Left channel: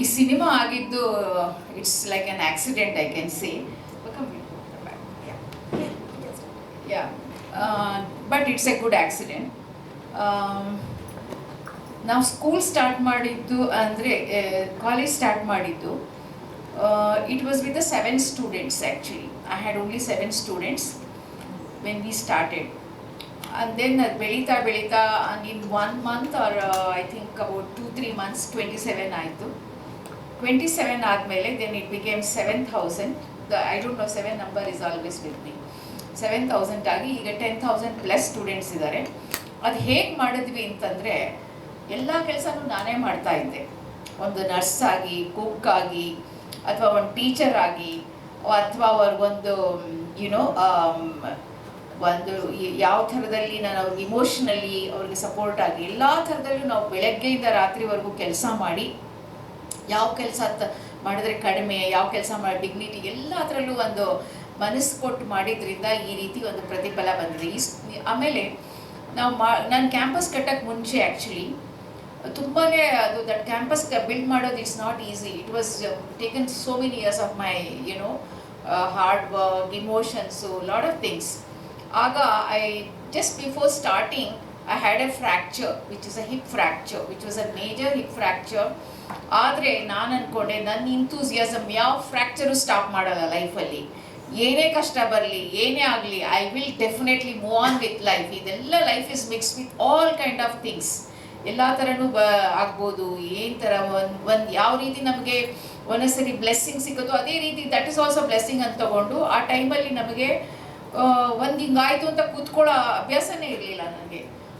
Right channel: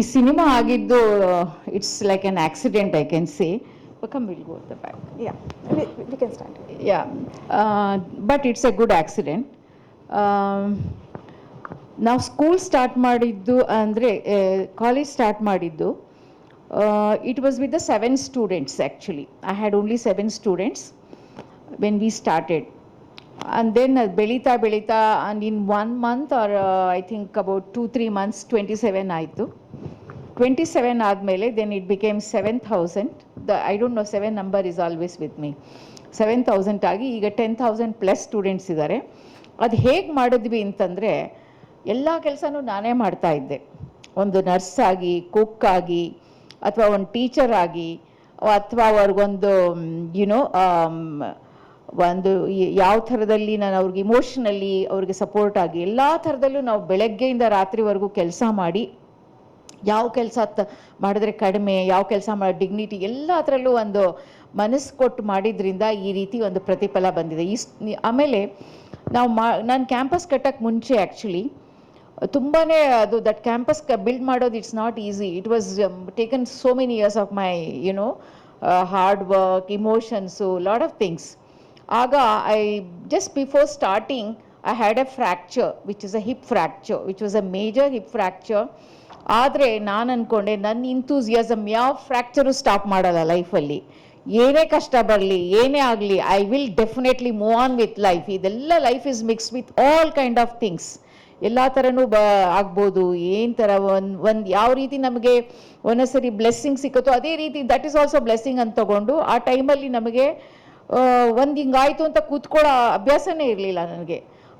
ಈ ಸಿನಿಮಾ ಆಗಿದ್ದು it's like on accident I can say. Yeah but it's a good accident. ನಾವು school start ಮಾಡಿದ್ದು ಅಂದರೆ college start ಮಾಡಿದ್ದು it was with the 7 students actually. I had only 7 students when we started. And then ಬೆಳೀತಾ and in 1 month or I think about 2-3 months 27 ಆಯಿತು. 27 ಆದಮೇಲೆ then it became 7,000. I don't know, 7 number is always with me. 7,000 ಆಗಿ ಈಗ 10,000 plus students ಇದ್ದಾರೆ. ಅದು ಹೇಗೆ ಮಾಡಿದ್ವಿ ಅಂತಂದರೆ ಎಲ್ಲ ಕೆಲಸನೂ ನಾನೇ ಮಾಡ್ತಾ ಇದ್ದೆ. ಒಂದು ನರ್ಸ್ ಆಗಿ, ಕುಕ್ ಆಗಿ, ಅಥವಾ ಒಂದು ಟೀಚರ್ ಆಗಿ, ಅಥವಾ ಅವ್ರಿಗೊಂದು ಒಂದು ಯಾವ ಥರದಲ್ಲಿ ನಾನು ಅವ್ರಿಗೆ ಇಮೋಷ್ನಲಿ ಅವ್ರಿಗೆ ಸಪೋರ್ಟ್ ಆಗಿ ಎಲ್ಲ ಥರದಲ್ಲೂ ನಾವು ಬೆಳಗ್ಗೆಯಿಂದ ರಾತ್ರಿವರೆಗೂ ಕೆಲಸ ಮಾಡಿ, ಯಾವ ಕೆಲಸ ಮಾಡಿದ್ರೆ ಕಡಿಮೆ, ಯಾವ ಕೆಲಸ ಮಾಡಿ ಡಿಗ್ನಿಟಿ, ಎಲ್ಲ ಥರಲ್ಲೂ ಒಂದು ಮನಸ್ಸು ಕೊಟ್ಟು ಮಾಡಿದ್ರಿಂದ ಈ ರೀತಿ ಒಂದು ಪ್ರತಿಫಲ ಬಂದಿದೆ. ಆಮೇಲೆ ನಾವು ನಾನು ಕ್ಯಾಂಪಸ್ ಕಟ್ಟಕ್ಕೆ ಮುಂಚೆ ಆ್ಯಕ್ಚುಲಿ ತುಂಬಾ ಅದು ದಟ್ ಕ್ಯಾಂಪಸ್ ಬಿಲ್ಡ್ ಮಾಡೋದು it's not easy. It was taken so many years of my hard work, emotions, lot of things. ಆಗ I just before starting I had a fracture which is a hip fracture, which was a major hip fracture. ಆದರೆ ನಾನು ಅಂದ್ಕೊಂಡೆ ನನ್ನ ಇಂಥೂಸಿಯಾಸಮ್ ಯಾವ fracture stop ಮಾಡಲ್ಲ ಲೈಫಲ್ಲಿ. ಏನೇ ಕಷ್ಟ ಬರಲಿ, ಏನೇ ಆಗಲಿ, I will definitely move on with life. ಇದೆಲ್ಲ life is mix with all kind of things. ಎಲ್ಲ ಥರನೂ ಆಗ್ಬೋದು. ಏನು ಥರ ಒಂದು ಯಾವ ರೀತಿ ನಮಗೆ ಒಂದೊಂದ್ಸರಿ ಬ್ಲೆಸ್ಸಿಂಗ್ ಸಿಕ್ಕುತ್ತೋ ಅದೇ ರೀತಿ ದಟ್ ಈಸ್ ಆಲ್ಸೋ ಬ್ಲೆಸ್ಸಿಂಗ್ ಅಂತ ತಗೊಂಡು ಆ ಟೈಮಲ್ಲಿ ನಮಗೆ ಒಂದು ಹಿಂಗಾಯ್ತು ಅಂತ ಕೂತ್ಕೊಳ್ಳೋ ಅಭ್ಯಾಸನೇ ಇರಲಿಲ್ಲ ನನಗೆ.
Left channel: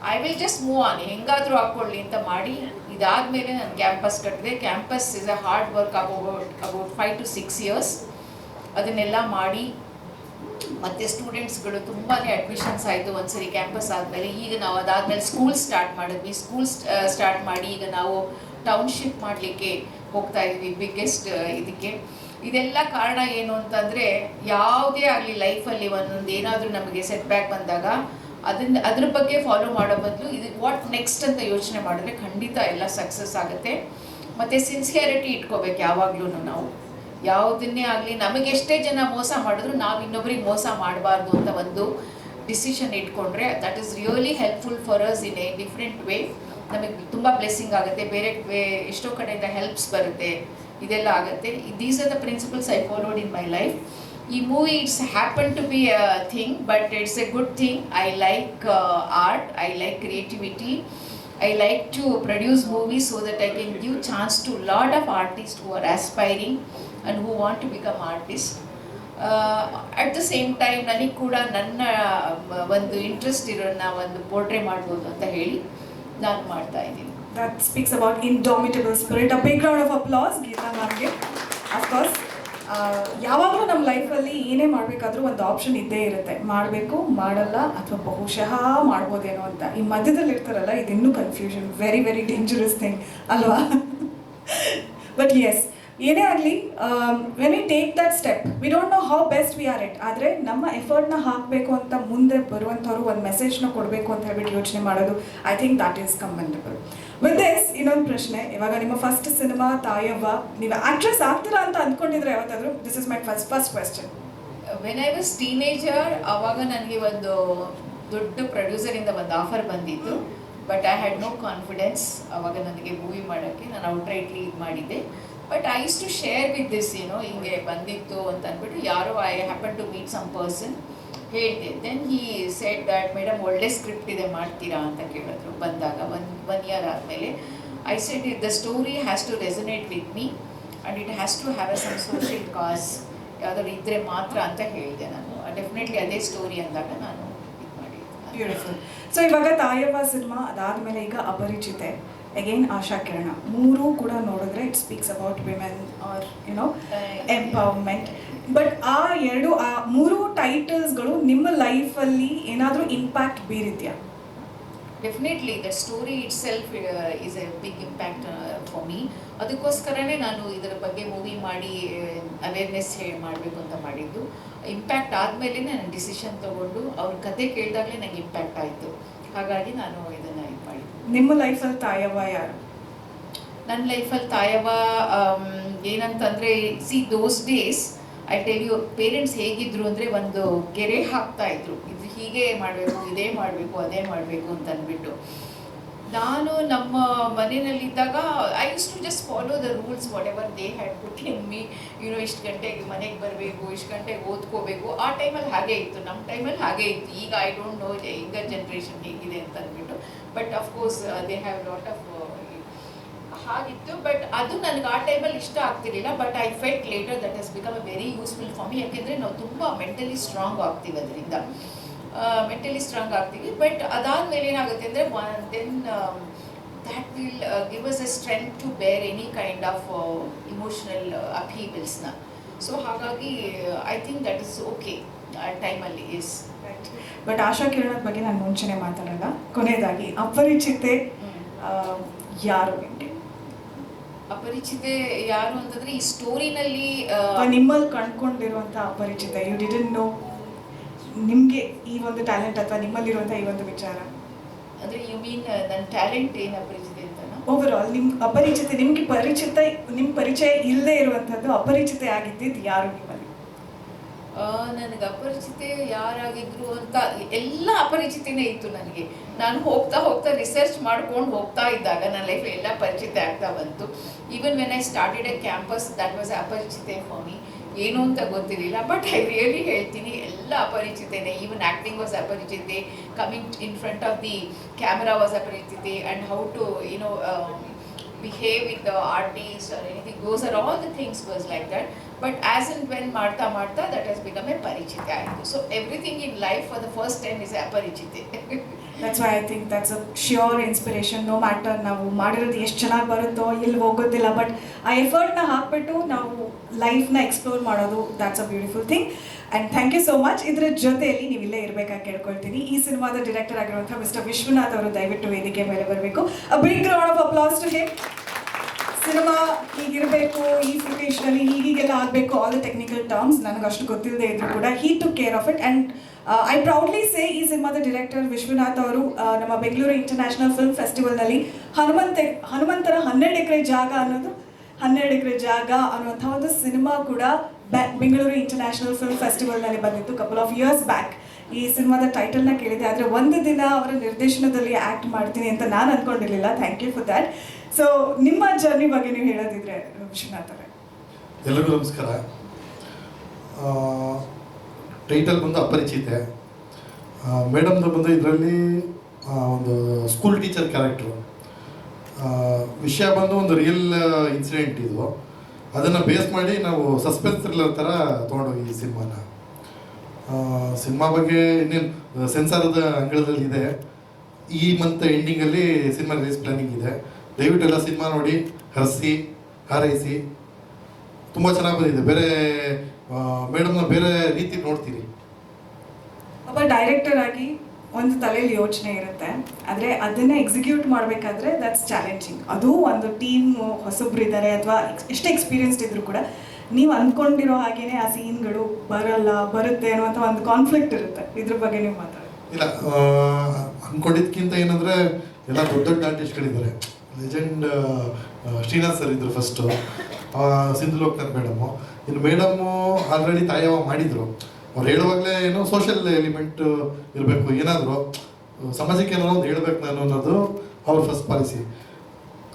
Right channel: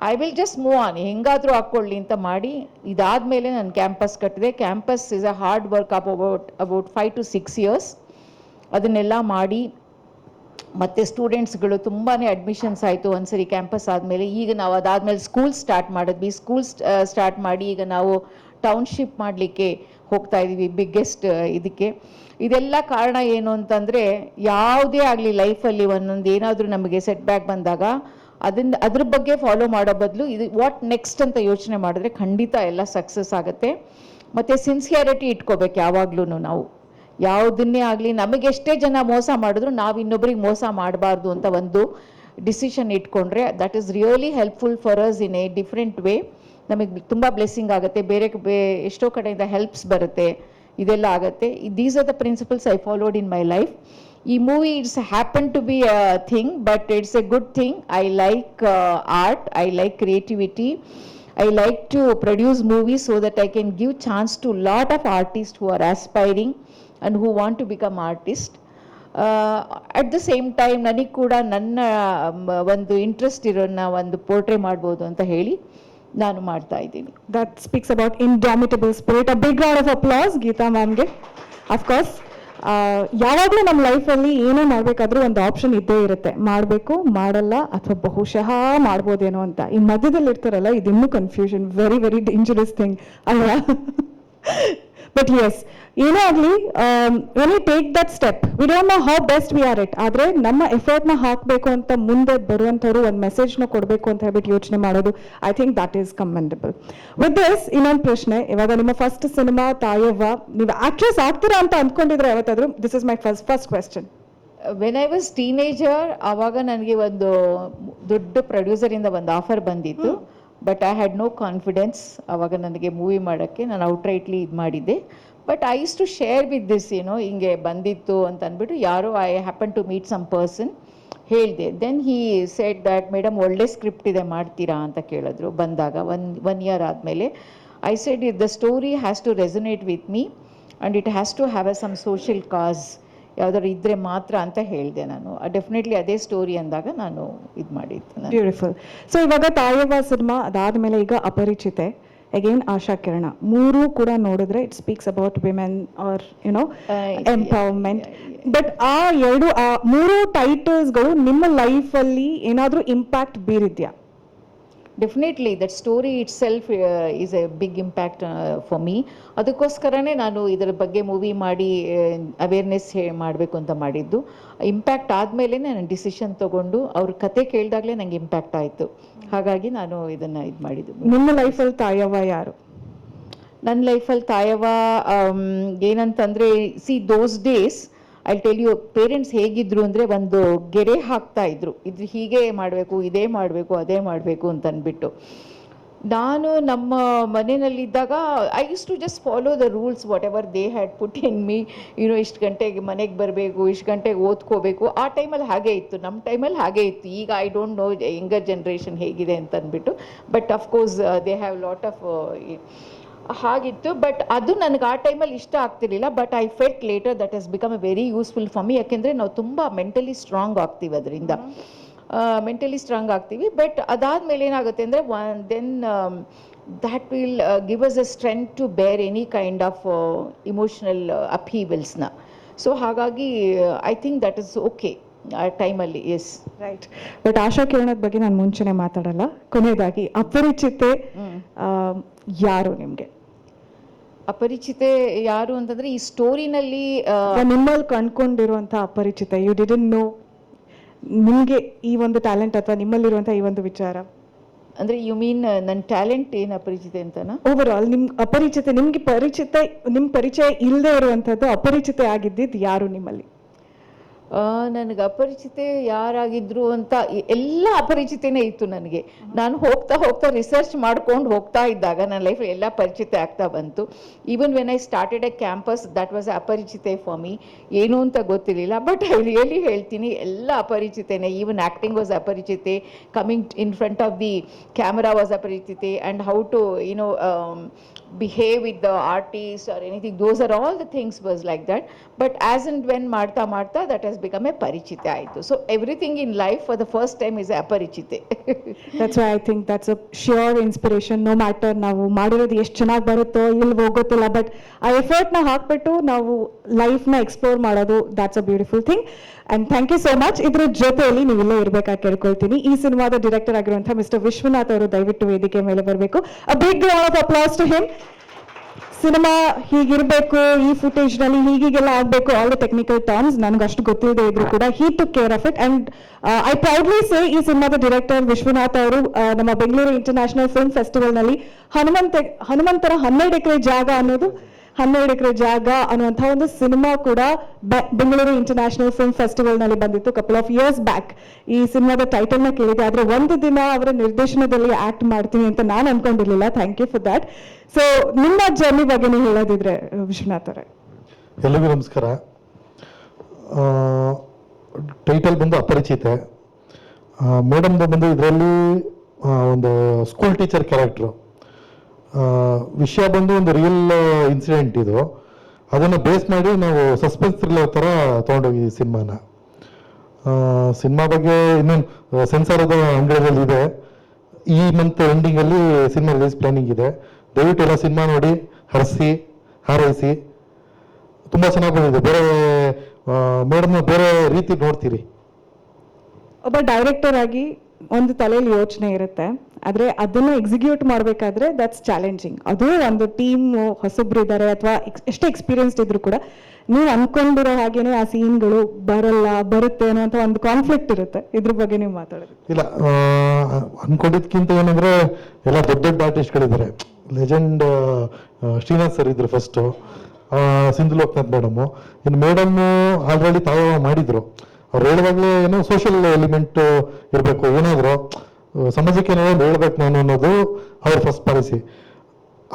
I will just move on, ಹೆಂಗಾದರೂ ಹಾಕ್ಕೊಳ್ಳಿ ಅಂತ ಮಾಡಿ ಇದಾದಮೇಲೆ ನಾನು ಕ್ಯಾಂಪಸ್ ಕಟ್ಟಿದೆ. Campus is a hard work about 5 to 6 years. ಅದನ್ನೆಲ್ಲ ಮಾಡಿ ಮತ್ತು ಸ್ಟೂಡೆಂಟ್ಸ್ಗಳು ತುಂಬಾ ಅಡ್ಮಿಷನ್ಸ್ ಆಯಿತು ಒಂದ್ಸರಿ ಕ್ಯಾಂಪಸ್ ಆದಮೇಲೆ. ಈಗ ನಾವು ಅದಾದಮೇಲೆ ಸ್ಕೂಲ್ ಸ್ಟಾರ್ಟ್ ಮಾಡಿದ್ವಿ. ಸ್ಕೂಲ್ ಸ್ಟಾರ್ಟ್ ಮಾಡಿ ಈಗ ನಾವು ಟೌನ್ಶಿಪ್ ಮಾಡಲಿಕ್ಕೆ ಹೋಗ್ತಾ ಇದ್ವಿ, ಬಿಗ್ಗೆಸ್ಟ್ ಇದಕ್ಕೆ. ಇದೆಲ್ಲ ಕಾರಣ ಏನು ಅಂತಂದರೆ ಯಾವುದೇ ಆಗಲಿ ಲೈಫಲ್ಲಿ ಒಂದೊಂದು ಏನಾದರೂ ನಮಗೆ ಸೆಟ್ ಬ್ಯಾಕ್ ಬಂದಾಗ ಅದ್ರ ಬಗ್ಗೆ ಫಾಲೋ ಮಾಡೋ ಬದಲು ಇದು ವಾಟ್ ನೆಕ್ಸ್ಟ್ ಅಂತ ಯೋಚನೆ ಮಾಡಿದ್ರೆ ಖಂಡಿತ ಎಲ್ಲ ಸಕ್ಸಸ್ ಆಗುತ್ತೆ. ಮತ್ತು ಸಿನ್ಸಿಯರಿಟಿ ಇಟ್ಕೋಬೇಕು ಯಾವಾಗಲೂ. ನಾವು ಯಾವುದನ್ನೇ ಆಗಲಿ ನಮಗೆಷ್ಟೇ ಜನ ಮೋಸ ಮಾಡಿದ್ರು ನಾವು ಇನ್ನೊಬ್ಬರಿಗೆ ಮೋಸ ಮಾಡಬಾರ್ದು ಅಂತ ಒಂದು ಡಿಸಿಷನ್ ಇಟ್ಕೊಂಡ್ರೆ that is really helpful for us in a different way. ನಮಗೆ ತುಂಬ ಬ್ಲೆಸ್ಸಿಂಗ್ ಆಗುತ್ತೆ, ಬೇರೆ ಎಷ್ಟೋ ಕಡೆಯಿಂದ ಹೆಲ್ಪ್ಸ್ ಬರುತ್ತೆ, ಇದೆಲ್ಲ ಆಗುತ್ತೆ. These are the principles I followed in my life. ಈ movie it's happen to be a thing, but it's a good thing. I like art, I like creativity. I like to produce movies so that I can give chance to lot of artists who are aspiring and who want to become artists. At the same time ನನಗೆ ಕೂಡ ನನ್ನ ಒಂದು interest ಇರೋನ್ನ ಒಂದು portray ಮಾಡ್ಬೋದು ಅಂತ ಹೇಳಿ ನಾನು ಮಾಡ್ತಾ ಇದ್ದೀನಿ. That speaks about indomitable spirit. A big round of applause Geetha ಮ್ಯಾಮ್ಗೆ. Of course, ಯಾವಾಗಲೂ ನಮ್ಮ ಲೈಫಲ್ಲಿ ಏನೇ ಮಾಡಬೇಕಾದ್ರೂ ಒಂದು ಆಪ್ಷನ್ ಇದ್ದೇ ಇರುತ್ತೆ, ಮಾಡಬೇಕು, ಮಾಡಲ್ಲ, ಅಥವಾ ಬಹುಶಃ ಮಾಡ್ಬೋದೇನೋ ಅಂತ. ಈ ಮಧ್ಯದಲ್ಲಿ ಇರ್ತಾರಲ್ಲ, ಇದಿನ್ನೂ confusion, very very dangerous thing ಅಲ್ವಾ? ಬಟ್ ಎಸ್, ಏನೇ ಆಗಲಿ, when we take that step we don't know how best we are it. ಆದರೆ ನಮ್ಮ ಎಫರ್ಟ್ನ ಹಾಕಬೇಕು ಅಂತ ಮುಂದೆ ಬರುವಂಥವ್ರು ಒಂದು ಮೆಸೇಜ್ನ ಕೊಡಬೇಕು ಅಂತ ಹೇಳ್ಬಿಟ್ಟು ಯೋಚನೆ ಮಾಡೋದು, I think that is commendable. With this ಇನ್ನೊಂದು ಪ್ರಶ್ನೆ. ಇವಾಗ ನಿಮ್ಮ ಫಸ್ಟ್ ಸಿನಿಮಾ ತಾಯವ್ವ, ನೀವು ಆಕ್ಟ್ರೆಸ್ ಆಗ್ತೀರಾ ಅಂತ ಅಂದ್ಕೊಂಡಿದ್ರೆ ಯಾವತ್ತಾದ್ರೂ? This is my first question. When I was teenager ಆವಾಗ ನನಗೆ ಒಂದು ದೊಡ್ಡ ಪ್ರೊಡ್ಯೂಸರಿಂದ ಒಂದು ಆಫರ್ ಬಂದಿತ್ತು. But I had no confidence ಆವಾಗ ನನಗೆ ಮೂವಿ ಮಾಡೋಕ್ಕೆ. ನಾನು ಔಟ್ರೈಟ್ಲಿ ಇದು ಮಾಡಿದ್ದೆ. But I use to share with this, ಹಿಂಗೆ ಬಂದಿತ್ತು ಅಂತ ಅಂದ್ಬಿಟ್ಟು ಯಾರೋ I happen to meet some person ಹೇಳಿದೆ. Then he said that madam ಒಳ್ಳೆ ಸ್ಕ್ರಿಪ್ಟ್ ಇದೆ, ಮಾಡ್ತೀರಾ ಅಂತ ಕೇಳಿದ್ರು ಬಂದಾಗ ಒನ್ ಇಯರ್ ಆದಮೇಲೆ. I said it the story has to resonate with me and it has to have some social cause ಯಾವುದಾದ್ರು ಇದ್ದರೆ ಮಾತ್ರ ಅಂತ ಹೇಳಿದೆ ನಾನು. ಡೆಫಿನೆಟ್ಲಿ ಅದೇ ಸ್ಟೋರಿ ಅಂದಾಗ ನಾನು ಇದು ಮಾಡಿದ್ದು. ಬ್ಯೂಟಿಫುಲ್. ಸೊ ಇವಾಗ ತಾಯವ್ವ ಸಿನಿಮಾ ಅದಾದಮೇಲೆ ಈಗ ಅಪರಿಚಿತೆ, ಅಗೇನ್ ಆಶಾ ಕಿರಣ, ಮೂರೂ ಕೂಡ ನೋಡಿದ್ರೆ it speaks about women or empowerment. But ಮೂರು ಟೈಟಲ್ಸ್ಗಳು ನಿಮ್ಮ ಲೈಫಲ್ಲಿ ಏನಾದರೂ ಇಂಪ್ಯಾಕ್ಟ್ ಬೀರಿದ್ಯಾ? Definitely that story itself is a big impact for me. ಅದಕ್ಕೋಸ್ಕರನೇ ನಾನು ಇದರ ಬಗ್ಗೆ ಮೂವಿ ಮಾಡಿ ಅವೇರ್ನೆಸ್ ಮಾಡಬೇಕು ಅಂತ ಮಾಡಿದ್ದು. ಇಂಪ್ಯಾಕ್ಟ್ ಆದಮೇಲೆ ನಾನು ಡಿಸಿಷನ್ ತೊಗೊಂಡು ಅವ್ರ ಕತೆ ಕೇಳಿದಾಗಲೇ ನನಗೆ ಇಂಪ್ಯಾಕ್ಟ್ ಆಯಿತು. ಹಾಗಾಗಿ ನಾನು ಇದನ್ನು ಇದು ಮಾಡಿದ್ದು. ನಿಮ್ಮ ಲೈಫಲ್ಲಿ ತಾಯವ್ವ ಯಾರು? ನನ್ನ ಲೈಫಲ್ಲಿ ತಾಯವ ಏನಂತಂದರೆ see those days I tell you parents ಹೇಗಿದ್ರು ಅಂದರೆ ಒಂದು ಗೆರೆ ಹಾಕ್ತಾ ಇದ್ರು, ಇದು ಹೀಗೆ ಮಾಡಬೇಕು, ಇದೇ ಮಾಡಬೇಕು, ಅದೇ ಮಾಡಬೇಕು ಅಂತ ಅಂದ್ಬಿಟ್ಟು. ನಾನು ನಮ್ಮ ಮನೆಯಲ್ಲಿದ್ದಾಗ I use to just follow the rules whatever they had put in me. ಇಷ್ಟು ಗಂಟೆಗೆ ಮನೆಗೆ ಬರಬೇಕು, ಇಷ್ಟು ಗಂಟೆಗೆ ಓದ್ಕೋಬೇಕು. ಆ ಟೈಮಲ್ಲಿ ಹಾಗೆ ಇತ್ತು, ನಮ್ಮ ಟೈಮಲ್ಲಿ ಹಾಗೆ ಇತ್ತು. ಈಗ I don't know younger generation ಹೇಗಿದೆ ಅಂತ ಅಂದ್ಬಿಟ್ಟು, but of course they have lot of ಹಾಗಿತ್ತು. ಬಟ್ ಅದು ನನಗೆ ಆ ಟೈಮಲ್ಲಿ ಇಷ್ಟ ಆಗ್ತಿರಲಿಲ್ಲ. But I felt later that has become a very useful for me. ಯಾಕೆಂದರೆ ನಾವು ತುಂಬ ಮೆಂಟಲಿ ಸ್ಟ್ರಾಂಗ್ ಆಗ್ತೀವಿ ಅದರಿಂದ, ಮೆಂಟಲಿ ಸ್ಟ್ರಾಂಗ್ ಆಗ್ತೀವಿ. ಬಟ್ ಅದಾದಮೇಲೆ ಏನಾಗುತ್ತೆ ಅಂದರೆ then that will give us a strength to bear any kind of emotional ಅಪೀವಲ್ಸ್ನ. ಸೊ ಹಾಗಾಗಿ I think that is okay ಆ ಟೈಮಲ್ಲಿ. Yes, right. ಬಟ್ ಆಶಾ ಕಿರಣದ ಬಗ್ಗೆ ನಾನು ಮುಂಚೆನೆ ಮಾತಾಡಲ್ಲ. ಕೊನೆಯದಾಗಿ ಅಪರಿಚಿತೆ ಯಾರು ನಿಮಗೆ? ಅಪರಿಚಿತೆ ಯಾರು ಅಂತಂದರೆ ಈ ಸ್ಟೋರಿನಲ್ಲಿ ನಿಮ್ಮಲ್ಲಿ ಕಂಡ್ಕೊಂಡಿರುವಂಥ ಅಪರಿಚಿತ, ಯು ಡಿಡಂಟ್ ನೋ, ನಿಮಗೆ ಈ ಒಂದು ಟ್ಯಾಲೆಂಟ್ ಅಥವಾ ನಿಮ್ಮಲ್ಲಿರುವಂಥ ಈ ಒಂದು ವಿಚಾರ ಅಂದರೆ ಯು ಮೀನ್ ನನ್ನ ಟ್ಯಾಲೆಂಟ್ ಏನು ಅಪರಿಚಿತೆ ಅಂತನಾ? ಓವರ್ ಆಲ್ ನಿಮ್ಗೆ ಅಪರಿಚಿತ, ನಿಮ್ಗೆ ಪರಿಚಯ ಇಲ್ಲದೆ ಇರುವಂಥದ್ದು ಅಪರಿಚಿತ ಆಗಿದ್ದಿದ್ದು ಯಾರು ನಿಮ್ಮಲ್ಲಿ? ನನಗೆ ಅಪರಿಚಿತೆ ಯಾರಾಗಿದ್ರು ಅಂತ ಎಲ್ಲ ಅಪರಿಚಿತನೇ ಇತ್ತು ನನಗೆ. ನಾನು ಹೋಗ್ತಾ ಹೋಗ್ತಾ ರಿಸರ್ಚ್ ಮಾಡ್ಕೊಂಡು ಹೋಗ್ತಾ ಇದ್ದಾಗ ನನ್ನ ಲೈಫ್ ಎಲ್ಲ ಪರಿಚಿತ ಆಗ್ತಾ ಬಂತು. Even when I started a campus that was ಅಪರಿಚಿತೆ ಫಾರ್ ಮೀ. ಏನು ಅಂತ ಗೊತ್ತಿರಲಿಲ್ಲ. ಬಟ್ ಐ ರಿಯಲಿ ಹೇಳ್ತೀನಿ, ಎಲ್ಲ ಅಪರಿಚಿತೇನೆ. ಈವನ್ ಆ್ಯಕ್ಟಿಂಗ್ ವಾಸ್ ಅಪರಿಚಿತೆ, coming in front of the camera was ಅಪರಿಚಿತೆ, and how to behave with the artist or anything, those are all the things was like that. But as and when marta that has become a parichita aitu. So everything in life for the first time is aparichite. That's why I think that's a sure inspiration. No matter ನಾವು ಮಾಡಿರೋದು ಎಷ್ಟು ಚೆನ್ನಾಗಿ ಬರುತ್ತೋ ಇಲ್ವೋ ಗೊತ್ತಿಲ್ಲ, but ಆ ಎಫರ್ಟ್ನ ಹಾಕ್ಬಿಟ್ಟು ನಾವು ಲೈಫ್ನ ಎಕ್ಸ್ಪ್ಲೋರ್ ಮಾಡೋದು, that's a beautiful thing. And thank you so much. ಇದ್ರ ಜೊತೆಯಲ್ಲಿ ನೀವಿಲ್ಲೇ ಇರಬೇಕಾಗಿ ಕೇಳ್ಕೊಳ್ತೀನಿ. ಈ ಸಿನಿಮಾದ ಡೈರೆಕ್ಟರ್ ಆಗಿರುವಂತಹ ಮಿಸ್ಟರ್ ವಿಶ್ವನಾಥ್ ಅವರು ದಯವಿಟ್ಟು ವೇದಿಕೆ ಮೇಲೆ ಬರಬೇಕು. A big round of applause to him. Cinema ಹೀಗಿರಬೇಕು, ಈ ಫುಟೇಜ್ ನಲ್ಲಿ ಹೀಗೆಲ್ಲ ಆಗಬೇಕು, ಆಲ್ ದ ಟೆಕ್ನಿಕಲ್ ಟರ್ಮ್ಸ್ ನನಗೆ ಅಷ್ಟು ಗೊತ್ತಿಲ್ಲದೆ ಇದ್ರು ಕೂಡ he took care of it. And I proudly say ಈ ಸಿನಿಮಾದ ಡೈರೆಕ್ಟರ್ ವಿಶ್ವನಾಥ್ ಅವರು ನಮ್ಮ ಬೆಂಗಳೂರು ಇಂಟರ್ನ್ಯಾಷನಲ್ ಫಿಲ್ಮ್ ಫೆಸ್ಟಿವಲ್ ನಲ್ಲಿ ಹನುಮಂತರ 12 ಎಕರೆ ಜಾಗ ಅನ್ನುವಂತಹ ಒಂದು ಸಿನಿಮಾ ಕೂಡ ಬೆಂಗಳೂರು ಇಂಟರ್ನ್ಯಾಷನಲ್ ಫಿಲ್ಮ್ ಫೆಸ್ಟಿವಲ್ ನಲ್ಲಿ ಬಂದಿತ್ತು ಕಪಲ್ ಆಫ್ ಇಯರ್ಸ್ ಬ್ಯಾಕ್. ಈ ಸಿನಿಮಾದ ಟೈಟಲ್ ನ ಕೇಳಿದೆ, ಆದ್ರೆ ಒಂದು ದಿನ ಅವರ ನಿರ್ದೇಶನದಲ್ಲಿ ಆಕ್ಟ್ ಮಾಡ್ತೀನಿ ಅಂತ ನಾನು ಅನ್ಕೊಂಡಿರ್ಲಿಲ್ಲ. Thank you for that. So ನಿಮ್ಮ ಜರ್ನಿ ಬಗ್ಗೆ ನೀವು ಹೇಳೋದಿದ್ರೆ ವಿಶ್ವನಾಥ್ ಅವರೇ. ಎಲ್ಲರಿಗೂ ನಮಸ್ಕಾರ. ಟೈಟಲ್ ಬಂದು ಅಪರಿಚಿತೆ. ಮೇಡಮ್ ಬಂದು ಇದರಲ್ಲಿ ಒಂದು ಸ್ಕೂಲ್ ಟೀಚರ್ ಕ್ಯಾರೆಕ್ಟ್ರು. ವಿಷಯ ಬಂದು ಒಂದು ರಿಯಲ್ ಇನ್ಸಿಡೆಂಟ್ ಇದು. ಅದನ್ನು ಬೇಸ್ ಮಾಡಿ ನಾವು ಸಸ್ಪೆನ್ಸ್ ಥ್ರಿಲ್ಲರ್ ಥರ ತೊಗೊಂಡೋಗಿ ಸಿನಿಮಾ ಬಗ್ಗೆ ಇನ್ನೇನು ಸೆನ್ಸಾರದ ಅಂಗಳದಲ್ಲಿ ಇದೆ. ಈ ಮಂತ್ ಎಂಡಿಂಗಲ್ಲಿ ಸಿನಿಮಾ ರಿಲೀಸ್ ಪ್ಲಾನಿಂಗ್ ಇದೆ. ದಯವಿಟ್ಟು ಎಲ್ಲ ಸಿನಿಮಾ ನೋಡಿ ಹಾರೈಸಿ. ತುಂಬ ಚೆನ್ನಾಗಿ ಬಂದಿದೆ. ಬೇರೆ ಮೇಡಮ್ ಬೇರೆ ರೀತಿ ನೋಡ್ತೀರಿ. ಒಬ್ಬ ಡೈರೆಕ್ಟರ್ ಆಗಿ ಒಂದು ತಲೆಯಲ್ಲಿ ಯೋಚನೆ ಇರುತ್ತೆ, ಆದ್ರೆ ಅದನ್ನು ಎಕ್ಸಿಕ್ಯೂಟ್ ಮಾಡಬೇಕಾದ್ರೆ ದಟ್ಸ್ ಚಾಲೆಂಜಿಂಗ್. ಅದು ಒಂದು ಟೀಮ್ ಹೊಸಬ್ರು ಇದ್ದಾರೆ ಅಥವಾ ಎಷ್ಟೇ ಎಕ್ಸ್ಪೀರಿಯನ್ಸ್ ಇದ್ರು ಕೂಡ ನೀವು ಅನ್ಕೊಂಡಿರೋ ಹಾಗೇನೆ ಆ ಸೀನ್ಗಳು ಬರುತ್ತೆ ಅನ್ನೋ ಒಂದು ಕಾನ್ಫ್ಲಿಕ್ಟ್ ಇರುತ್ತೆ. ಇದ್ರ ಬಗ್ಗೆ ನೀವು ಮಾತಾಡಿ. ಇಲ್ಲ, ಅನ್ಕೊಂಡಿದ್ಕಿಂತ ಏನಂದ್ರೆ ಎಲ್ಲ ದೊಡ್ಡ ಆರ್ಟಿಸ್ಟ್ಗಳಿದ್ದಾರೆ. ಲೆಜೆಂಡ್ ಶ್ರೀನಾಥ್ ಸರ್ ಇದ್ರು ಫಸ್ಟು, ಸಿಂಧು ಲೋಕನಾಥ್ ಮೇಡಮು. ಇನ್ನು ಮೇಡಮ್ ಆಲ್ರೆಡಿ ತಾಯವ ಮಾಡಿದ್ರು. ಅವ್ರು ಹೇಳುವಾಗಲೇ ಏನು ಸೋಷಿಯಲ್ ಎಲಿಮೆಂಟ್ ಇರಬೇಕು, ಏನಾದರೂ ಸಮಾಜಕ್ಕೆ ಏನಾದ್ರು ಹೇಳ್ಬೇಕು ನಾನು ಅನ್ನೋದು ಅವ್ರ ಫಸ್ಟ್ ಪಾಲಿಸಿ.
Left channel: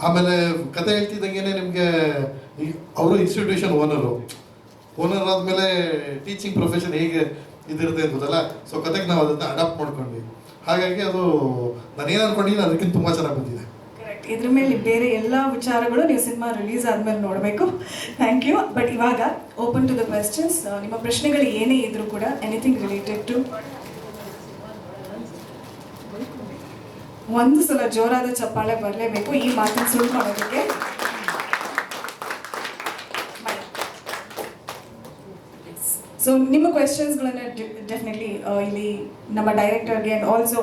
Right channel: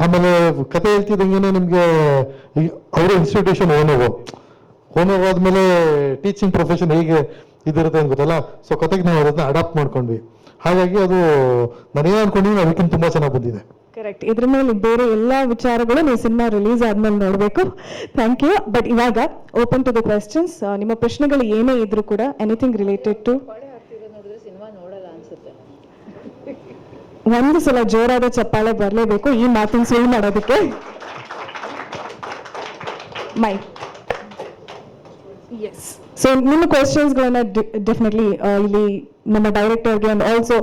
ಆಮೇಲೆ ಕತೆ ಹೇಳ್ತಿದ್ದಂಗೆ ನಿಮಗೆ ಅವರು ಇನ್ಸ್ಟಿಟ್ಯೂಷನ್ ಓನರ್ ಆದ್ಮೇಲೆ ಟೀಚಿಂಗ್ ಪ್ರೊಫೆಷನ್ ಹೇಗೆ ಇದಿರುತ್ತೆ ಅಂತ ಗೊತ್ತಲ್ಲ. ಸೊ ಕತೆಗೆ ನಾವು ಅದನ್ನ ಅಡಾಪ್ಟ್ ಮಾಡ್ಕೊಂಡ್ವಿ. ಹಾಗಾಗಿ ಅದು ನಾನೇನು ಅನ್ಕೊಂಡಿದ್ದೀನಿ ಅದಕ್ಕಿಂತ ತುಂಬಾ ಚೆನ್ನಾಗಿ ಬಂದಿದೆ. ಕರೆಕ್ಟ್. ಇದ್ರ ಮೇಲೆ ಬೇರೆ ಎಲ್ಲಾ ವಿಚಾರಗಳು ನೀವು ಸಿನಿಮಾ ರಿಲೀಸ್ ಆದ್ಮೇಲೆ ನೋಡ್ಬೇಕು. Thank you. ಬಟ್ ಇವಾಗ ಓಪನ್ ಟು ದ ಕ್ವೆಶ್ಚನ್ಸ್. ನಿಮ್ಮ ಪ್ರಶ್ನೆಗಳು ಏನೇ ಇದ್ರು ಕೂಡ ಎನಿಥಿಂಗ್ ರಿಲೇಟೆಡ್ ಟು, ಒಂದು ಸಲ ಜೋರಾದ ಚಪ್ಪಾಳೆ ಬರಲೇಬೇಕು ಈ ಮಾತನ್ನು ಸುಳ್ಳು ಮಾಡೋದಕ್ಕೆ. ಎಸ್. ಸೊ ನಿಮ್ಮ ಕ್ವೆಶನ್ಸ್ಗಳನ್ನ ಡೆಫಿನೆಟ್ಲಿ ಇಲ್ಲಿ ನಮ್ಮ ಡೈರೆಕ್ಟರ್ಗೆ ಅಂಡ್ ಆಲ್ಸೋ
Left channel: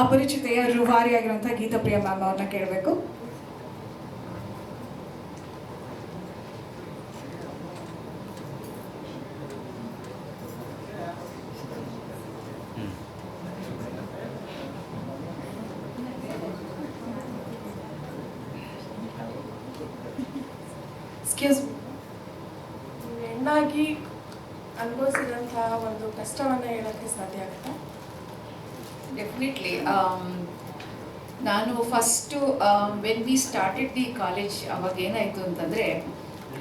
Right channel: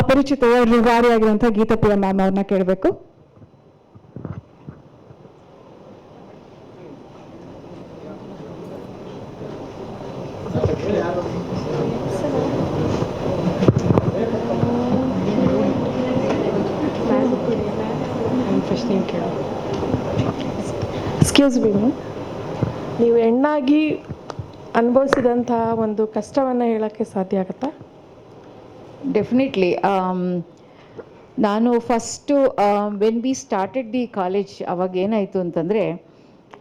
ಅಪರಿಚಿತೆಯ ರೂವಾರಿ ಆಗಿರುವಂತಹ ಗೀತಾಪ್ರಿಯ ಮ್ಯಾಮ್ ಅವ್ರನ್ನ ಕೇಳಬೇಕು. ಪ್ರಶ್ನೆ ಕೇಳು. ಎಕ್ಸ್ಕ್ಯೂಸ್ ಮೀ, ನೀವು ಹೆಣ್ಣಾಗಿ ಅನುಭವಿಸಿದಂತಹ ಒಂದು ಕಷ್ಟವನ್ನು ಹೇಳೋಕ್ಕೆ ಸಾಧ್ಯ ಆಗುತ್ತಾ? ಡೆಫಿನೆಟ್ಲಿ. ನಾನು first when we started the college ಅವಾಗ ಏನಾಯಿತು ಅಂತಂದರೆ,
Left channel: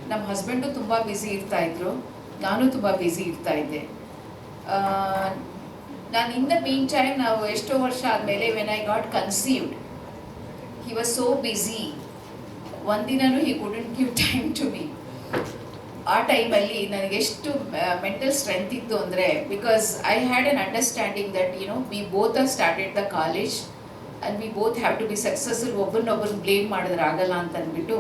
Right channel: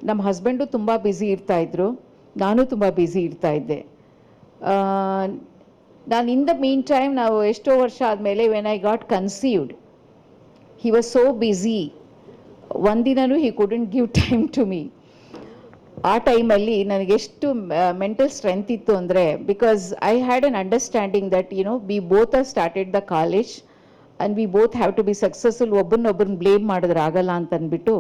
ನಮ್ಮ ಹಸ್ಬೆಂಡು ತುಂಬ ಬ್ಯುಸಿ ಇರ್ತಾಯಿದ್ರು, ನಾನು ತುಂಬ ಬ್ಯುಸಿ ಇರ್ತಾಯಿದ್ದೆ. ನಾನು ಇನ್ ದ ಮೀನ್ ಟೈಮ್ ನಾವು ಎಷ್ಟೋ ವರ್ಷ ಆದಮೇಲೆ when I got conceived, he was so busy, ಒಂದಿನೂ he couldn't give time to me. ಆ ಟೈಮಲ್ಲಿ ನನಗೆಷ್ಟು ಮೆಂಟಲ್ ಸ್ಟ್ರೆಂತ್ ಇತ್ತು ಅಂದರೆ, because I had an understanding that we both are started the college and we both have to be successful. ಒಬ್ಬರನ್ನೊಬ್ಬರನ್ನ blame ಮಾಡಿದ್ರೆ ಆಗಲ್ಲ ಅಂತ ಅಂದ್ಬಿಟ್ಟು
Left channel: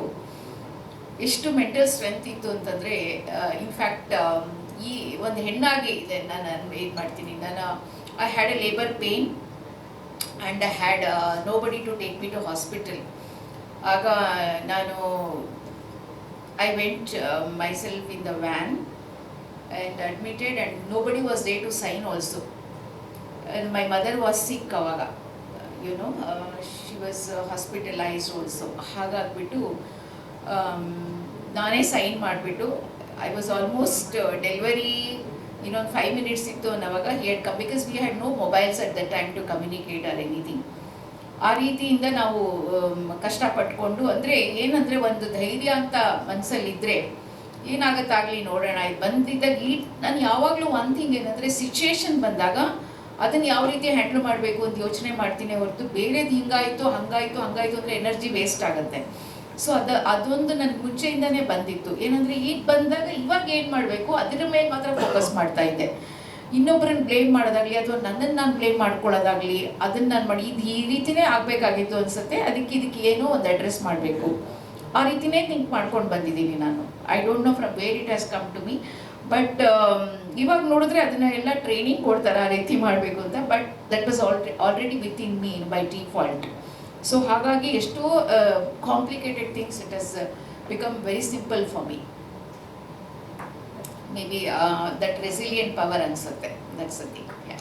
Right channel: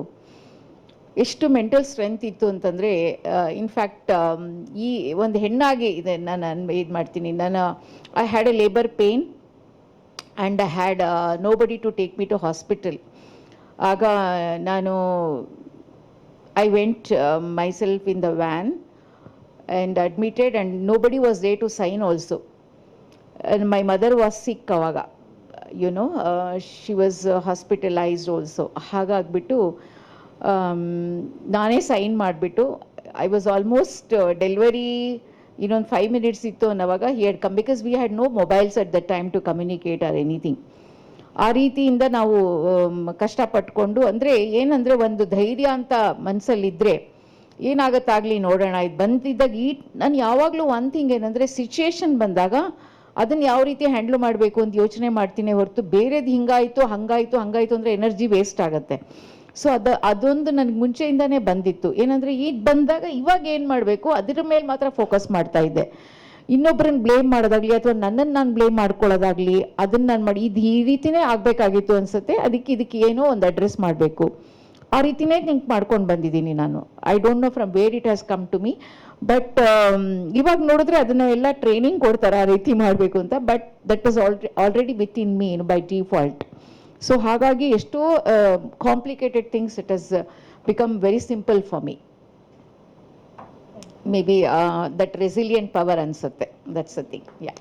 ಎಷ್ಟು ಮೆಂಟಲ್ ಸ್ಟ್ರೆಂತ್ ಇತ್ತು ಅಂತಂದರೆ, ಇನ್ಫ್ಯಾಕ್ಟ್ ಈ ಒಂದು ಹೆಣ್ಣಾಗಿ ಇದೆ ನಾನು ಇದು ಮಾಡ್ತೀನಿ. I had a labour pain and I had nobody to take me to hospital. ಆಗ ನಾನು I went myself in the van and admitted, and nobody was there to sign also. And my mother was sick avaga, she was hospitalized also. ಹಾಗಾಗ್ಬಿಟ್ಟು ನಾನೇ sign ಮಾಡಿಬಿಟ್ಟು, I was almost delivery ಇನ್ನೊಂದು 5 minutes ಇತ್ತು ಅನ್ನೋವಾಗ he had come, because we had no mobiles at that time to communicate or anything. ಆ ರೀತಿಯಿಂದ ನಾವು ಕಷ್ಟಪಟ್ಕೊಂಡು, ಅಂದರೆ ಏನಂದರೆ ಒಂದು ಧೈರ್ಯ ಅಂತ ಮನಸ್ಸಲ್ಲಿದ್ದರೆ ಏನಾಗತ್ತಾಗಲಿ ನೋಡೋಣ. ಇದು ಬಂದಿದ್ದಾಗ ನಾನು ಯಾವಾಗಲೂ ಒಂದು ಥಿಂಗ್ ಏನಂದರೆ, ಸಿಚುವೇಶನ್ ಬಂದಾಗ ಅದನ್ನು ಯಾವ ರೀತಿ ಹ್ಯಾಂಡ್ಲ್ ಮಾಡಬೇಕು ಅಂತ ಯೋಚನೆ ಮಾಡ್ತೀನಿ ಹೊರತು ಬೇರೆದು ಹಂಗಾಯಿತು ಅಂದರೆ ಎನರ್ಜಿ ವೇಸ್ಟ್ ಆಗುತ್ತೆ. ಸೊ ಅದೊಂದು ನನಗೆ ಮುಂಚೆಯಿಂದನೇ ಬಂದಿತ್ತು. ಏನಂದರೆ ಈಗ ಬಂದಾಗ ಇವಾಗ ಏನು ಮಾಡಬೇಕು ಅದರ ಮೇಲೆ ಮಾತ್ರ ಫೋಕಸ್ ಮಾಡ್ತಾ ಇದ್ದೆ. ಇನ್ನೊಬ್ಬರನ್ನ ಬ್ಲೇಮ್ ಮಾಡೋದಾಗ್ಲಿ ಅಥವಾ ನನ್ನನ್ನು ನಾನು ಬ್ಲೇಮ್ ಮಾಡ್ಕೊಳ್ಳೋದಾಗ್ಲಿ ಅದನ್ನು ನಾನು ಮಾಡಿ ಇದು ಈ ರೀತಿನೇ ಆಗಬೇಕಾಗಿತ್ತು ಅನಿಸುತ್ತೆ, ಇದಕ್ಕೆ ಏನೋ ಒಂದು ಅಡ್ರೆಸ್ ಮಾಡಬೇಕು, ಆ ರೀತಿನೇ ಥಿಂಕ್ ಮಾಡ್ಕೊಂಡು ಬಂದಿದ್ದೀನಿ ನಾನು. I don't know from where it has come to me, but ಇವಾಗ ನೋಡಿದ್ರೆ ಅದನ್ನ ಎಲ್ಲ ಟ್ರೈನಿಂಗ್ ಕೊಡ್ತಾರೆ ಆ ರೀತಿ ಮಾಡಬೇಕು ಅಂತ, but that was already with in me by default. So ಹಾಗಾಗಿ ಎಷ್ಟೋ complicated things it has become very simple for me. maybe that resilient power ಅನ್ಸುತ್ತೆ. that's the thing. yeah.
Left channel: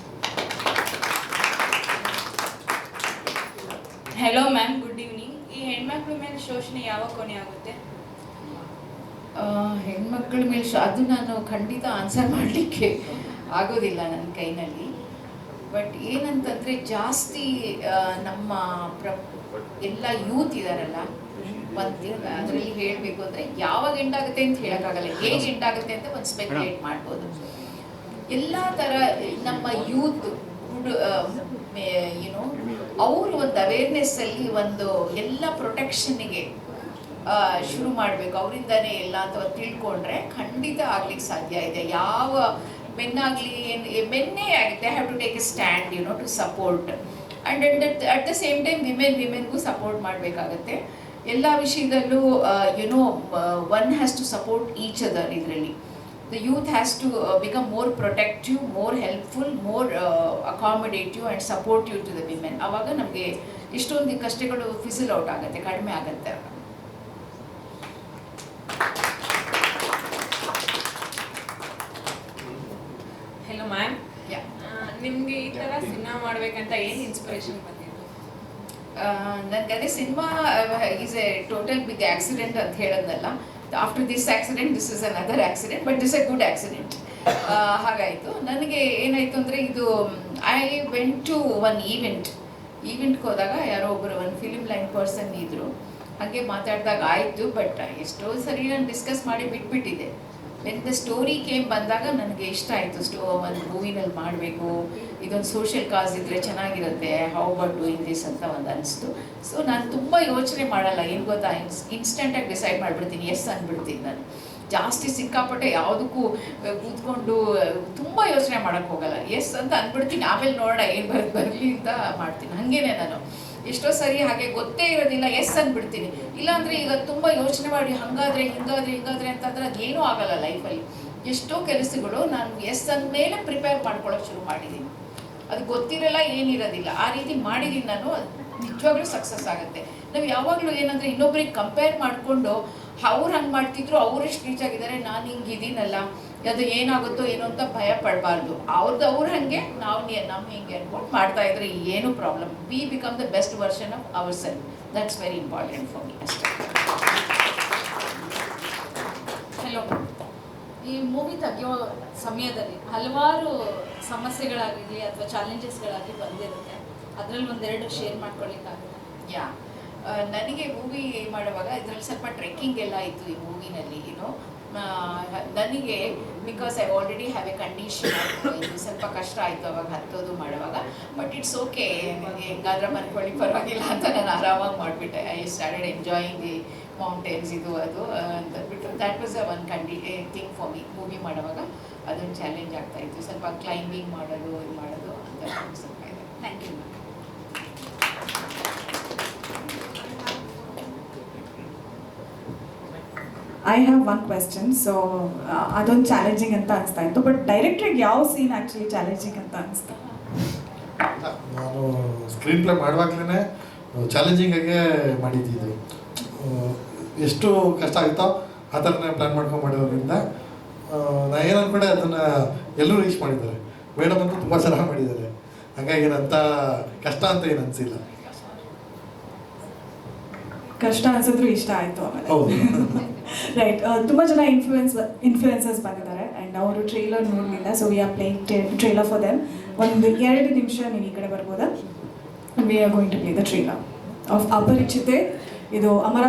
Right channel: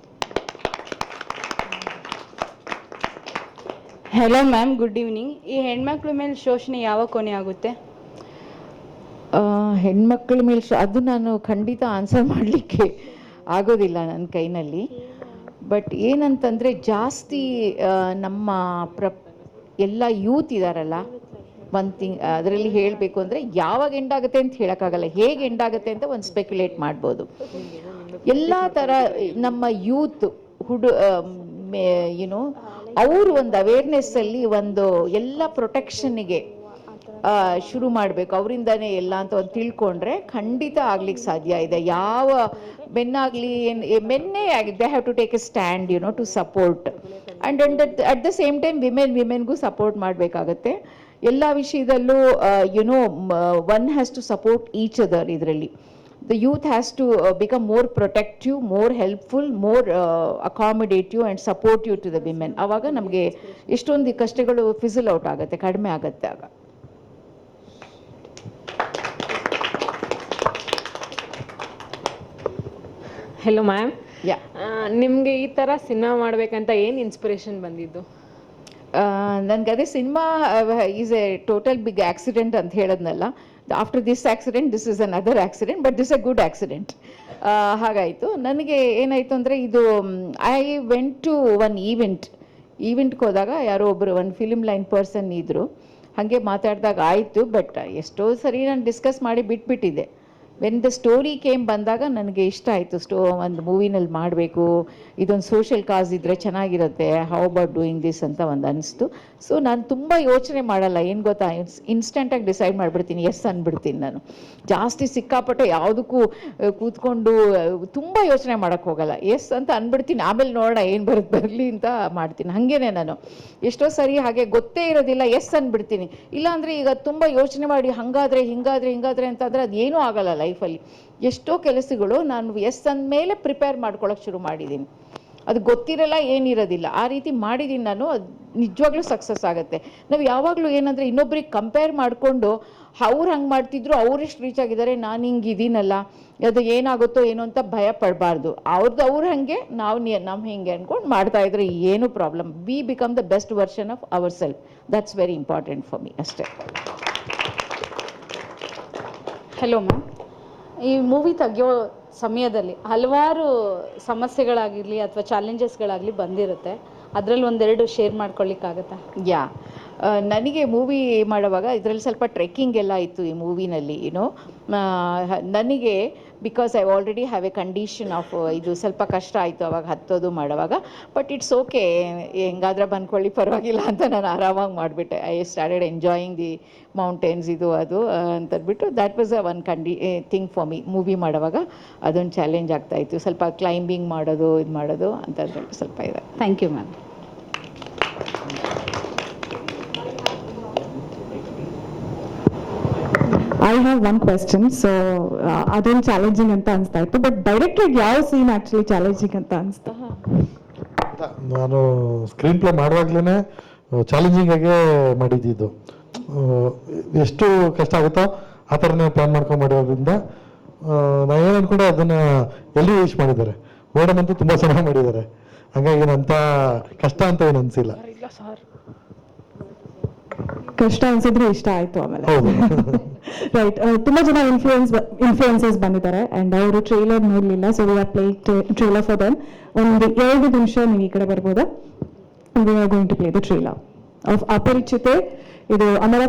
Hello ma'am, good evening. ಈ ಹೆಣ್ಮಕ್ಳ ಮೇಲೆ ಶೋಷಣೆ ಯಾವಾಗ ಕೊನೆ ಆಗುತ್ತೆ? ಹೆಣ್ಮಕ್ಳ ಮೇಲೆ ಅದು ನಾನು ಖಂಡಿತ ಆನ್ಸರ್ ಮಾಡಲಿಕ್ಕೆ ಆಗೋದಿಲ್ಲ ನನ್ನ ಕೈನಲ್ಲಿ. ಬಟ್ ಏನಂತಂದರೆ, ಜಾಸ್ತಿ ನಮ್ಮ ಎಲ್ಲ ಯೂತ್ ಇದ್ದಾರಲ್ಲ, ಒಂದು ಥಿಂಗ್ ಅದರಲ್ಲಿ ಹೇಳಬೇಕು ಅಂದರೆ, ಯಾವಾಗ ಎಂಡಾಗುತ್ತೆ ಅಂತ ಹೇಳೋಕ್ಕಾಗಲ್ಲ, ಹೇಗೆ ಎಂಡಾಗುತ್ತೆ ಅಂತ ಒಂದು ಸ್ಪೆಕ್ಯುಲೇಟ್ ಮಾಡ್ಬೋದು. ಎಲ್ಲ ಥರ ನಮ್ಮ ಯೂತ್ ಅವರು ಒಂದು ಅವೇರ್ನೆಸ್ಸಲ್ಲಿ ಒಂದು ಎಲ್ಲ ಪ್ರೊಟೆಕ್ಷನ್ನಿಗೆ ಶುರು ಮಾಡಬೇಕು, ಅವರಿಂದನೇ ಎಲ್ಲ ಅಂತ ಒಂದು ತಿಳ್ಕೊಂಡ್ರೆ ಖಂಡಿತ ಆಗ್ಲಿಕ್ಕೆ ಸಾಧ್ಯ ಇದೆ. ಯಾವ ಮೆನ್ನಾಗಲಿ ಮೆನ್ನೇ they have to take a stand to support, and at the same time ವಿಮೆನ್ಗೂ ಸಪೋರ್ಟ್ ಮಾಡಬೇಕಾಗತ್ತೆ ಎಲ್ಲ ವಿಷಯದಲ್ಲೂ. One has to support each other. ಇದರಲ್ಲಿ the youth has to become more protective, more helpful, more accommodative and supportive to the women. ಆವಾಗ ನಮಗೆ ಎಷ್ಟೊಂದು ಕಷ್ಟಗಳು fizzle out ಆಗುತ್ತೆ, ಕಡಿಮೆ ಆಗುತ್ತೆ ಆಗ. ಹೆಲೋ ಮ್ಯಾಮ್, ಯಾ, ನಿಮಗೆ ಈ ಥರ ಸಿನಿಮಾ ಮಾಡಬೇಕಂತ ಏನು ಇನ್ಸ್ಪಿರೇಷನ್ ಬಂದಿದ್ದು? ನನಗೆ ಅದೇ cinema is a total big accident ಅಂತ ಹೇಳೋದ್ನಲ್ಲ. After this accident this is another accident, but this a good accident. ಹಾಗಾಯಿತು. ನನಗೆ ಏನಾಯಿತು ಅಂದರೆ, ಇದು ಐ ವೆಂಟ್ ಟು ಒನ್ ಈವೆಂಟ್ಗೆ ಹೋದಾಗ ಯಾರೋ ಒಬ್ಬರು ಒಂದು ಫಿಲ್ಮ್ ಲೈನ್ ಪರ್ಸನ್ ಇದ್ದರು. ಹಾಗೆ ಮಾತಾಡಿದಾಗ ಆಯಿತು, ಬಟ್ ಎಷ್ಟೋ ಸರಿ ನಾನು ಡಿಸ್ಕಸ್ ಮಾಡಿ ಬಿಟ್ಬಿಟ್ಟಿದ್ದೆ. ವೆನ್ ದ ಸ್ಟೋರಿ ಕೇಮ್ ಬಂದಾಗ ನನಗೆ ಇಷ್ಟ ಆಯಿತು, ಒಂದು ಮೂವಿನಲ್ಲಿ ಮಾಡಬೇಕು, ಇದೊಂದು ಸೋಷಿಯಲ್ ಕಾಸ್ ಇದ್ದರೆ ಚೆನ್ನಾಗಿರುತ್ತೆ, ಹೌ ಅಬೌಟ್ ಡೂಯಿಂಗ್ ದಿಸ್ ಅಂತ ಒಂದು ಅನಿಸ್ತು. ಸೊ ನಾನು ತುಂಬ ಯೋಚನೆ ಮಾಡಲ್ಲ, ಏನು ಗೊತ್ತಾ, ಇನ್ಸ್ಟೆಂಟಾಗಿ ಡಿಸೈಡ್ ಮಾಡಿಬಿಡ್ತೀನಿ, ಎಸ್ ಅಂದ್ಬಿಡ್ತೀನಿ. ನಾನು ಜಾಸ್ತಿ ಸಿಕ್ಕಾಪಟ್ಟೆ ಯಾವುದಕ್ಕೂ ಕೂತ್ಕೊಂಡು ತುಂಬ ಯೋಚನೆ ಮಾಡೋಕ್ಕೆ ಹೋಗಲ್ಲ, ಎಸ್ ಅಂತ ಅಂದ್ಬಿಡ್ತೀನಿ. ಆಮೇಲೆ ನೋಡೋಣ ಏನು ಬರಲಿ ಅಂತ ಮಾಡ್ತೀನಿ. ಹಾಗೇನೆ ನಾನು ಎಷ್ಟೋ ಸರಿ ಹಾಗೆ ಗೊತ್ತೇ ಇರೋದಿಲ್ಲ, ಎಸ್ ಅಂದ್ಬಿಡ್ತೀನಿ. ಇಲ್ಲಾಂದರೆ ಈಗ ತುಂಬ ಯೋಚನೆ ಮಾಡಿ ಹಿಂಗಾದ್ರೆ ಅಂತಾದರೆ ಅದೇನೂ ಆಗಲ್ಲ ಲೈಫಲ್ಲಿ. ಎಷ್ಟೋ ಕೆಲಸಗಳು ನಾನು ಎಸ್ ಅಂದಮೇಲೆ ಪ್ರಿಪೇರ್ ಮಾಡ್ಕೊಳ್ಳೋಕೆ ಶುರು ಮಾಡಿದ್ದೀನಿ. ಅದು ಗೊತ್ತಿರಲ್ಲ, ಏನಿರೋದಿಲ್ಲ, ಆ ರೀತಿ ಮಾಡಿದ್ದೀನಿ ನಾನು. ಅದು ನಿಜವಾಗ್ಲೂ ಸಕ್ಸಸ್ ಆಗುತ್ತೆ. ನಾವು ಯಾವಾಗಲೂ ಏನಂದರೆ, ಇನ್ನೊಬ್ರಿಗೆ ಕಂಪೇರ್ ಮಾಡಿಕೊಂಡು ಅವ್ರು ಹಂಗೆ ಮಾಡ್ತಿದ್ರು, ಅವ್ರು ಎಷ್ಟು ರೀಚ್ ಆಗಿದ್ದಾರೆ, ನಾನು ಹಿಂಗೆ ಇದೀನಲ್ಲ, ಅದು ಏನಾಗುತ್ತೋ ಏನೋ ಅಂತ ಭಯ ಪಡಬಾರ್ದು. ಅವ್ರು ಹಾಗೆ ನಮ್ಮ ಹಿಂಗೆ ಅಂದ್ಕೊಂಡು ಮಾಡ್ತಾ ಇದ್ರೆ ಏನು problem. We become the best version of our self. That's very important for me ಅಷ್ಟೇ. Hello ma'am. ಈ ಮೂವಿ ತೆಗೆಯೋ ಸಮಯದಲ್ಲಿ ಹಲವಾರು ಸಮಸ್ಯೆಗಳಾಗಲಿ ಅಥವಾ ಚಾಲೆಂಜಸ್ಗಳಾಗಲಿ ಬಂದಿರುತ್ತೆ. ಅದರಲ್ಲಿ ಒಂದೆರಡು ಶೇರ್ ಮಾಡ್ಕೊಳ್ಳಿಕ್ಕಾಗತ್ತಾ? ಯಾ ನನಗೆ ಮೂವಿ ಮಾಡುವಾಗ ಇದರಲ್ಲಿ ಸ್ವಲ್ಪ ಟ್ರೆಕ್ಕಿಂಗ್ ಎಲ್ಲ ಇತ್ತು ಈ ಮೂವಿನಲ್ಲಿ. ನನಗೆ because I already have A condition of ಇದು ಸ್ವಲ್ಪ ಕಷ್ಟ ಆಯಿತು ಅವಾಗ ಹತ್ತೋದು ಮಾಡುವಾಗ. ಬಟ್ ಇಟ್ಸ್ ಓಕೆ, ಹೆಂಗಾದ್ರೆ ಬಂದ್ಕೊಳ್ಳಿ ಪರವಾಗಿಲ್ಲ ಅಂತ ನಾನು ಆರಾಮಾಗಿ ಮಾಡಿಬಿಟ್ಟೆ. I started enjoying the mountains ಇದು ಅದು ಅಂತಂದ್ಬಿಟ್ಟು that was a one thing for me. Movie ಮಾಡುವಾಗ ಅದೊಂದು ಚಾಲೆಂಜ್ ಆಗ್ತಾಯಿತ್ತು, ಸ್ವಲ್ಪ ಕ್ಲೈಂಬಿಂಗ್ ಮಾಡೋದು ಇದು ಮಾಡೋದು ಅಂತ ಸ್ವಲ್ಪ ಇದೆ. Thank you ma'am. I have one question. So ಅದೊಂದು ಚಾಲೆಂಜಿಂಗ್ ಅಂತ ಅನಿಸ್ತಾ ಇತ್ತು, ಬಟ್ ಡೈರೆಕ್ಟಾಗಿ ಯಾವ ಸೀನ್ ಆಕ್ಚುಲಿ ಚಾಲೆಂಜಿಂಗ್ ಅಂತ ಅನಿಸ್ತಾ? ನಾನು ಸ್ಕ್ರೀನ್ ಪ್ಲೇ ಮಾಡುವಾಗ್ಲೇ ಚಾಲೆಂಜಿಂಗ್ ಆಗೇ ಮಾಡಿದ್ದು. ಎಷ್ಟು ಕಷ್ಟ ಆಗುತ್ತೋ ಆ ಥರನೇ ಪ್ಲಾನ್ ಮಾಡ್ಕೊಂಡು ಮಾಡಿರೋದ್ರಿಂದ ನಾ ಏನು ಅನ್ಕೊಂಡೆ ಅದನ್ನ ಎಲಿವೇಟ್ ಮಾಡಿದ್ದಾರೆ. ಮೇಡಮ್ ಅಂತೂ ತುಂಬ ಚೆನ್ನಾಗಿ ಮಾಡಿದ್ದಾರೆ, ಹಾಗಾಗಿ ನಂತ ಕಷ್ಟ ಅಂತ ಏನು ಅನಿಸಿಲ್ಲ. ಕಷ್ಟ ಅನ್ಸಿದ್ರೆ ಇಷ್ಟ ಆಯ್ತು ಆಮೇಲೆ. ಹೌದು. ರೈಟ್. ತುಂಬಾ ಜನ ಇನ್ಫ್ಲೂಯೆನ್ಸರ್ಸ್ ಬಂದಿದ್ದಾರೆ ಅಂಡ್ ಅವರು ಟ್ರೈಲರ್ ನೋಡ್ಲಿಲ್ಲ, so we are playing trailer for them. ಒಂದು 2 ನಿಮಿಷ ನೀವು ಈ ಕಡೆ ಬರ್ಬೋದಾ? We are going to play the trailer of Aparichite. ಇದು ಅಮರ